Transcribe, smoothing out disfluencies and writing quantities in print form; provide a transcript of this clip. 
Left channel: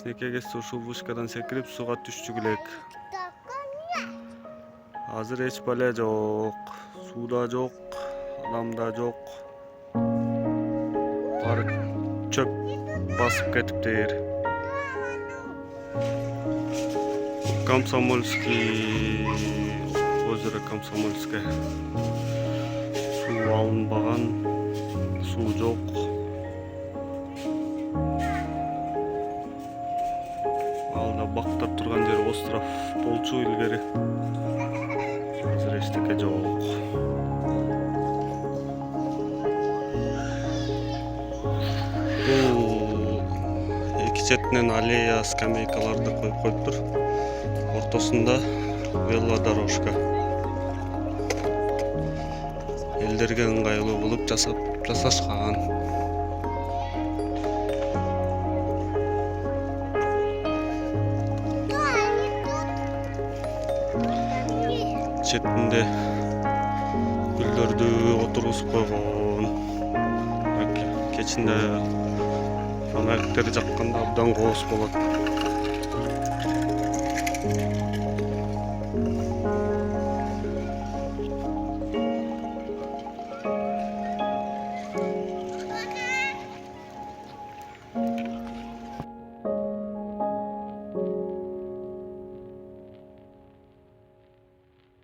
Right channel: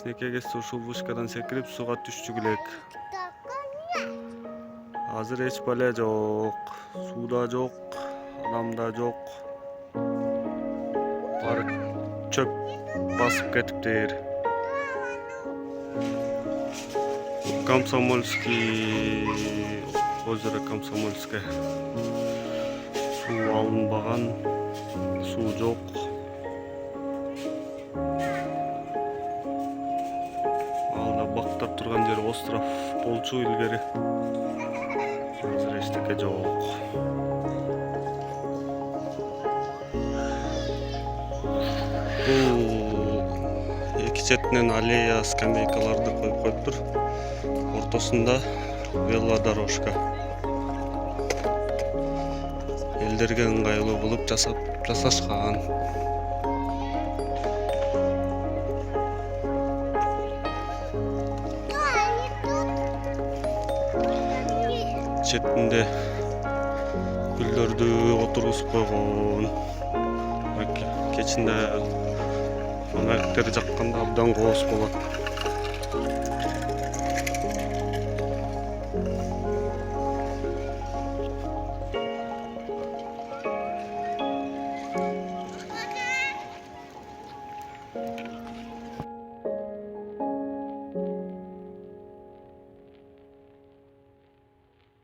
кичинекей кезде ушул вышкадан секирип сууга түшчүк элек. Азыр эч бале жок, суу да жок, адам да жок. Баары чөп басып кетиптир. Комсомольский, озеро Комсомольское. Суу алынбаган, суу жок. Алда бактап турган жер остров болчу илгери. Азыр эчтеке жок. Бул эки четинен аллея, скамейкаларды коюп коюптур. Ортосунда велодорожка. Элдерге ыңгайлуу кылып жасашкан. Четинде гүлдөрдү отургузуп койгон. Кечинде фонарьдер жакканда абдан кооз болот.